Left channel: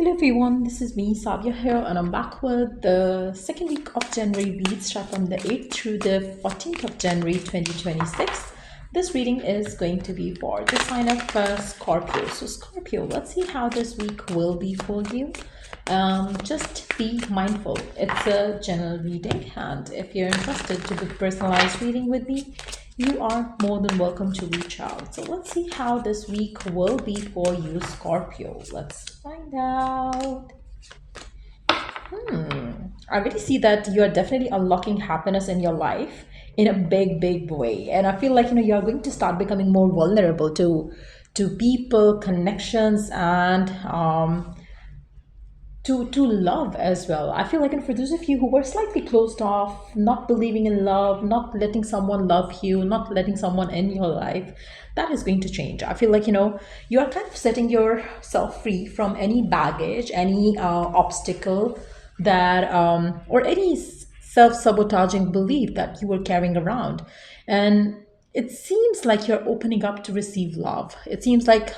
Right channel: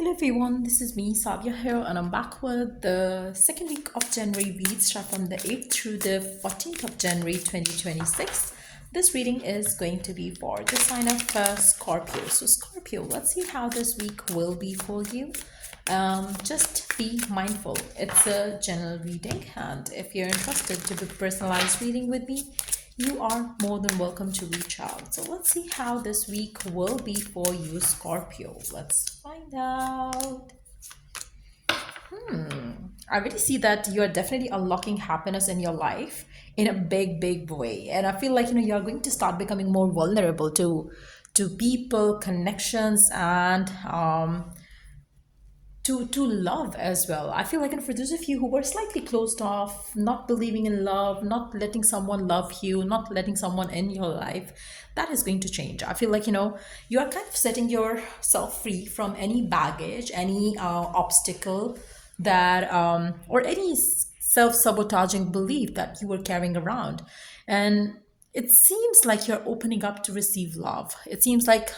Hello everyone, this is me, Sadia here, and I'm back with the second week of January reads, start from the 8th through the 14th of January 2026. This reading is going to be for the sign of Scorpio. So, Scorpio, let's see how this week will be for you. Just be mindful. It's a general reading, and if you're interested to book personalized reading with me, you are more than welcome to reach out. So let's see how this week will be for you, Scorpio. Let's find out. I really see that you are definitely unlocking happiness in your life in a big, big way. And I feel like you are going to start becoming more vulnerable to people, connections, and to love as well. I feel like, and for those of you who were slightly closed off, not believing in love, not letting someone love you, not letting someone in your life, that is going to change. I feel like you are kind of setting yourself free from any baggage, any obstacle that or any self-sabotaging belief that you were carrying around. And it seems like you're opening up to receive love. It seems like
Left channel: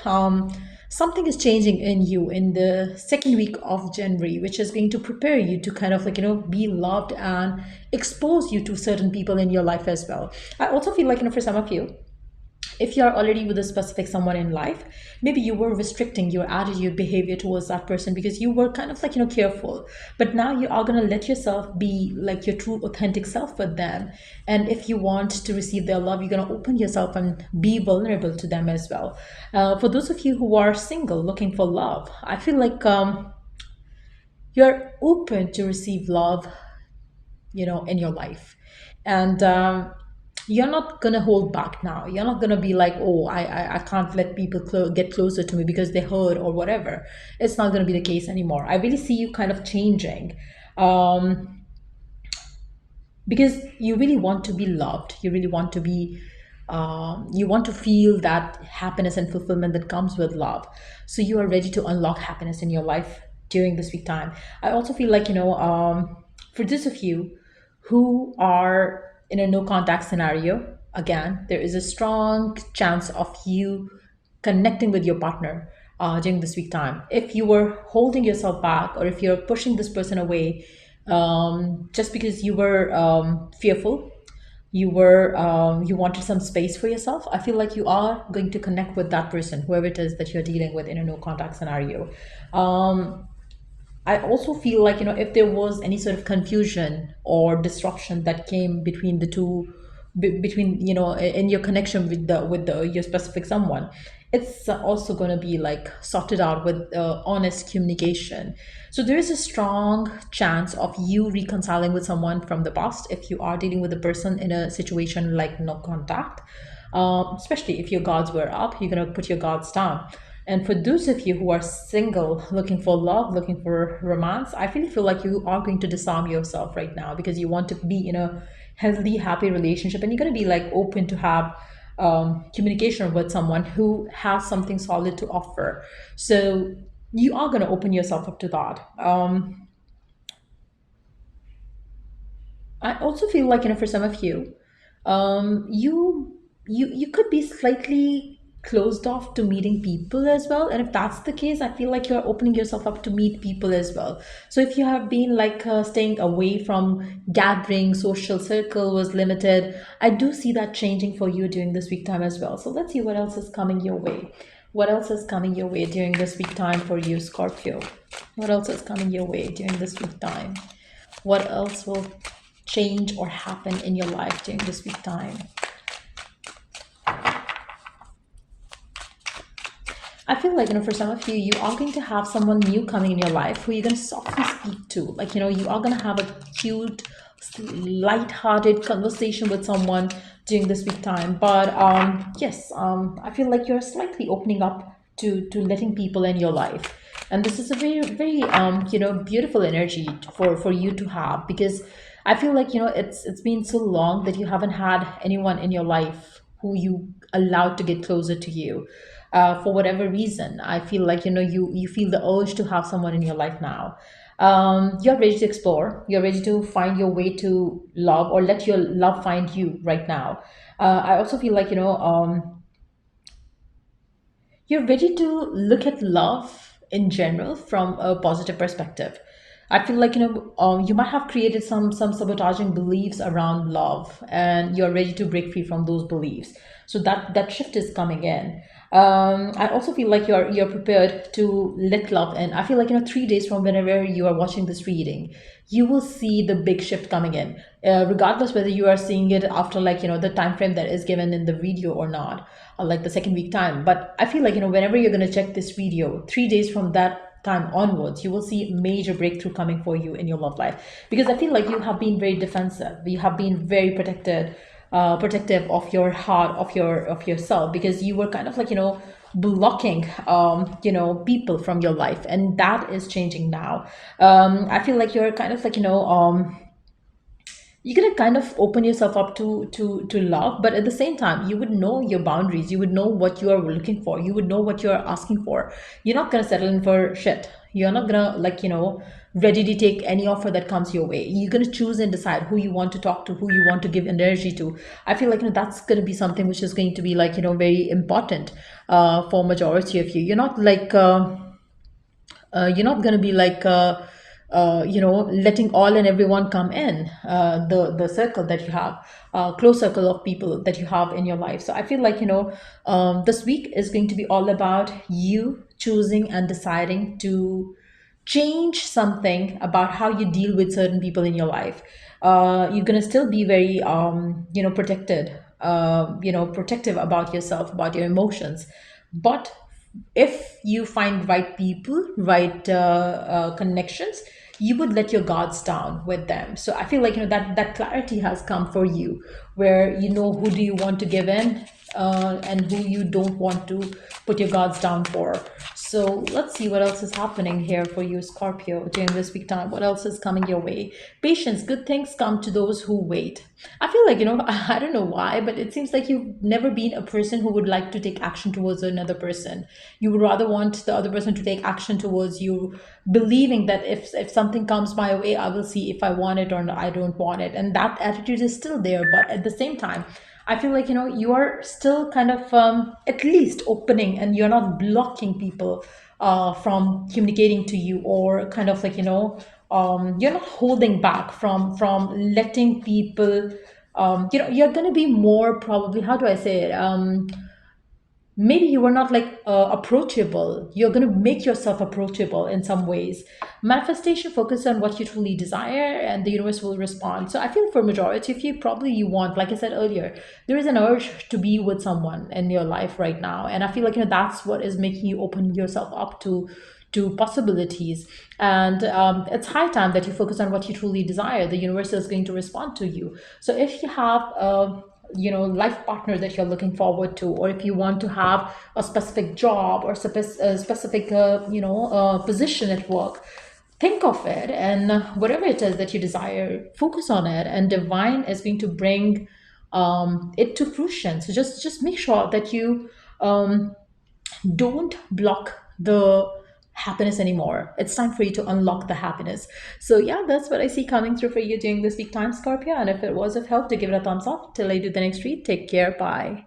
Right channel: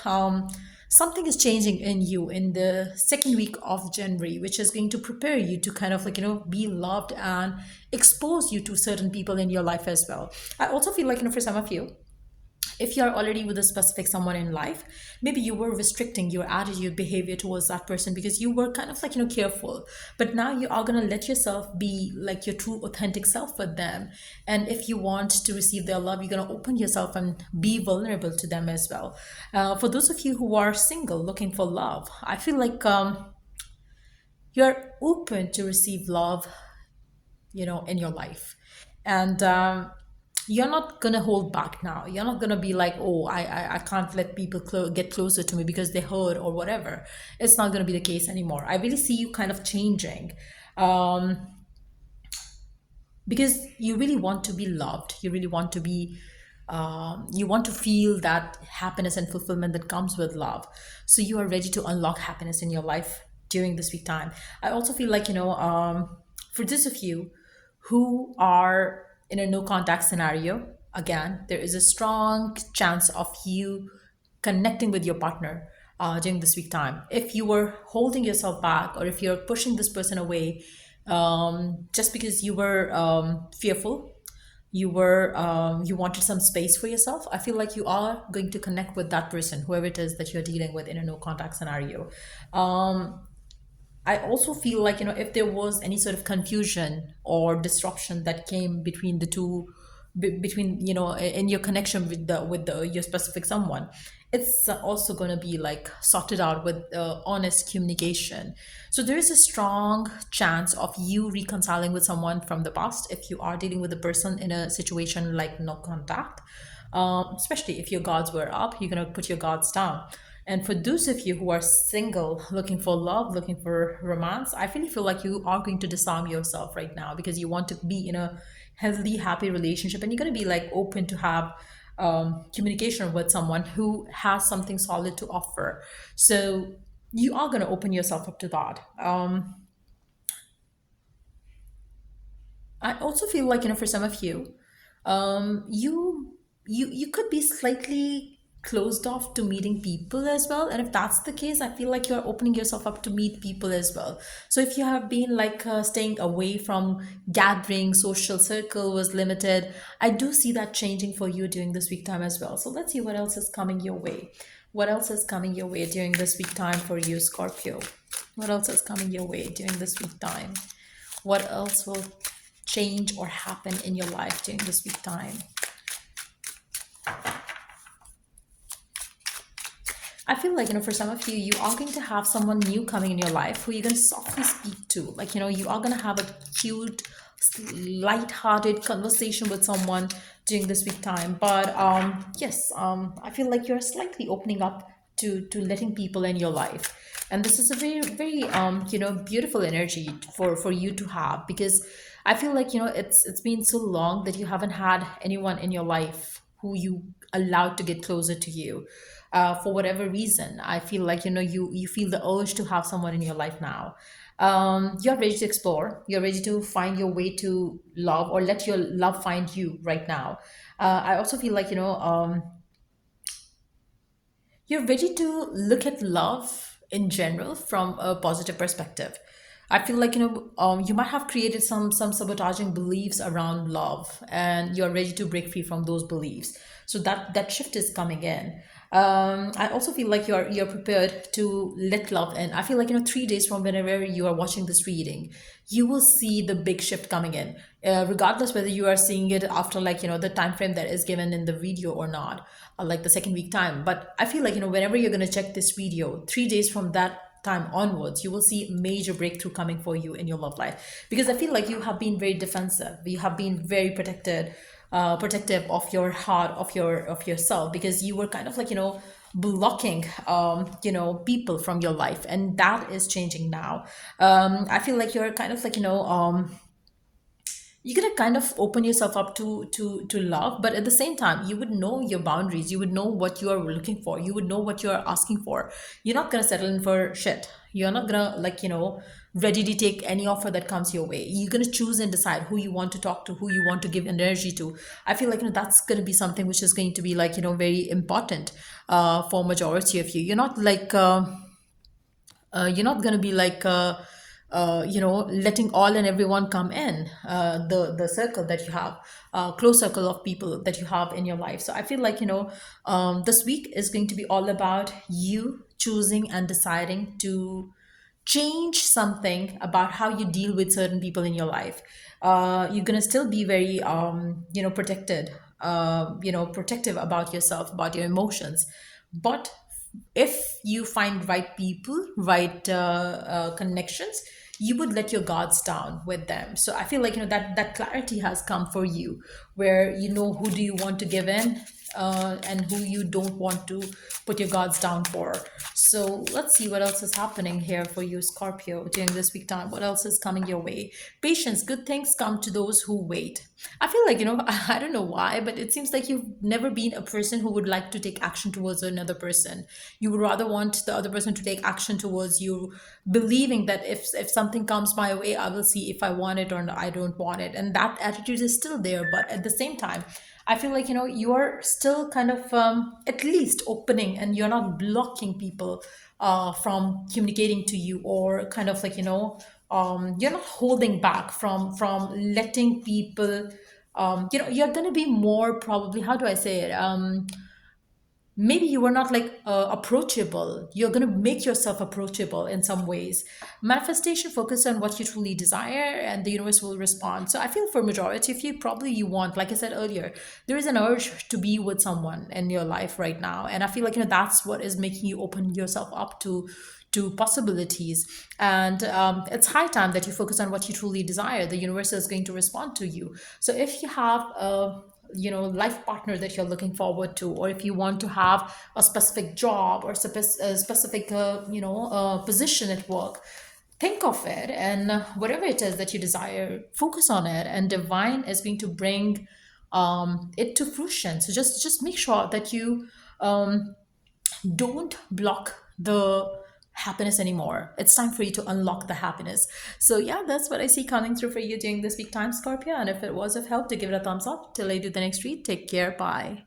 something is changing in you in the second week of January, which is going to prepare you to kind of be loved and expose you to certain people in your life as well. I also feel like, for some of you, if you're already with a specific someone in life, maybe you were restricting your attitude behavior towards that person because you were kind of careful, but now you are going to let yourself be like your true authentic self with them. And if you want to receive their love, you're going to open yourself and be vulnerable to them as well. For those of you who are single looking for love, I feel like you're open to receive love, in your life. And you're not gonna hold back now. You're not gonna be like, oh, I can't let people get closer to me because they hurt or whatever. It's not gonna be the case anymore. I really see you kind of changing, because you really want to be loved. You really want to be you want to feel that happiness and fulfillment that comes with love. So you are ready to unlock happiness in your life during this week time. I also feel like for those of you who are in a no contact scenario, again, there is a strong chance of you connecting with your partner during this week time. If you were holding yourself back, or if you're pushing this person away just because you were fearful, you wanted some space for yourself, I feel like you are going to connect with that person, whoever it is that you're dealing with in a no contact scenario. I also feel like if there was any sort of confusion or disruption that came between the two, between in your connection with the your specific someone, it's also going to be like sorted out with honest communication. So there is a strong chance of you reconciling with someone from the past if you are dealing with a person in a situation like no contact. Especially if your guards were up, you're going to put your guards down. And for those of you who are single, looking for love, looking for romance, I really feel like you are going to disarm yourself right now because you want to be in a healthy, happy relationship, and you're going to be like open to have communication with someone who has something solid to offer. So you are going to open yourself up to that. I also feel like for some of you, you could be slightly closed off to meeting people as well. And if that's the case, I feel like you're opening yourself up to meet people as well. So if you have been like staying away from gathering, social circle was limited, I do see that changing for you during this week time as well. So let's see what else is coming your way. What else is coming your way during this week time for you, Scorpio? What else is coming your way during this week time? What else will change or happen in your life during this week time? I feel like, for some of you, you are going to have someone new coming in your life who you're going to softly speak to. Like, you are going to have a cute, light-hearted conversation with someone during this week time. But yes, I feel like you're slightly opening up to letting people in your life. And this is a very, very, beautiful energy for you to have, because I feel like, it's been so long that you haven't had anyone in your life who you allowed to get closer to you. For whatever reason, I feel like you feel the urge to have someone in your life now. You're ready to explore. You're ready to find your way to love, or let your love find you right now. I also feel like you're ready to look at love in general from a positive perspective. I feel like you might have created some sabotaging beliefs around love, and you're ready to break free from those beliefs. So that shift is coming in. I also feel like you're prepared to let love in. I feel like 3 days from whenever you are watching this reading, you will see the big shift coming in, regardless whether you are seeing it after like the time frame that is given in the video or not, or like the second week time. But I feel like whenever you're going to check this video 3 days from that time onwards, you will see major breakthrough coming for you in your love life, because I feel like you have been very defensive, you have been very protective of your heart, of yourself, because you were kind of like blocking people from your life, and that is changing now. I feel like you're kind of like you're gonna kind of open yourself up to love, but at the same time you would know your boundaries, you would know what you are looking for, you would know what you are asking for. You're not gonna settle in for shit. You're not gonna like ready to take any offer that comes your way. You're gonna choose and decide who you want to talk to, who you want to give energy to. I feel like that's gonna be something which is going to be like very important for majority of you. You're not going to be like letting all and everyone come in the circle that you have, close circle of people that you have in your life. So I feel like this week is going to be all about you choosing and deciding to change something about how you deal with certain people in your life. You're gonna still be very protective about yourself, about your emotions, but if you find right people, right connections, you would let your guards down with them. So I feel like that clarity has come for you, where you know who do you want to give in, and who you don't want to put your guards down for. So let's see what else is happening here for you, Scorpio, during this week time. What else is coming your way? Patience. Good things come to those who wait. I feel like I don't know why, but it seems like you've never been a person who would like to take action towards another person. You would rather want the other person to take action towards you, believing that if something comes my way, I will see if I want it or I don't want it. And that attitude is still there, but at the same time, I feel like you are still kind of at least opening, and you're not blocking people from communicating to you, or kind of like you're not holding back from letting people. You're gonna be more probably. How do I say it? Maybe you are not like approachable. You're going to make yourself approachable in some ways. Manifestation focus on what you truly desire, and the universe will respond. So I feel for majority of you, probably you want, like I said earlier, there is an urge to be with someone in your life right now, and I feel like that's what is making you open yourself up to possibilities. And it's high time that you focus on what you truly desire. The universe is going to respond to you. So if you have a life partner that you're looking forward to, or if you want to have a specific job, or a specific position at work, think of it, and whatever it is that you desire, focus on it, and divine is going to bring it to fruition. So just make sure that you don't block the happiness anymore. It's time for you to unlock the happiness. So yeah, that's what I see coming through for you during this week time, Scorpio. And if it was of help, to give it a thumbs up. Till I do the next read, take care. Bye.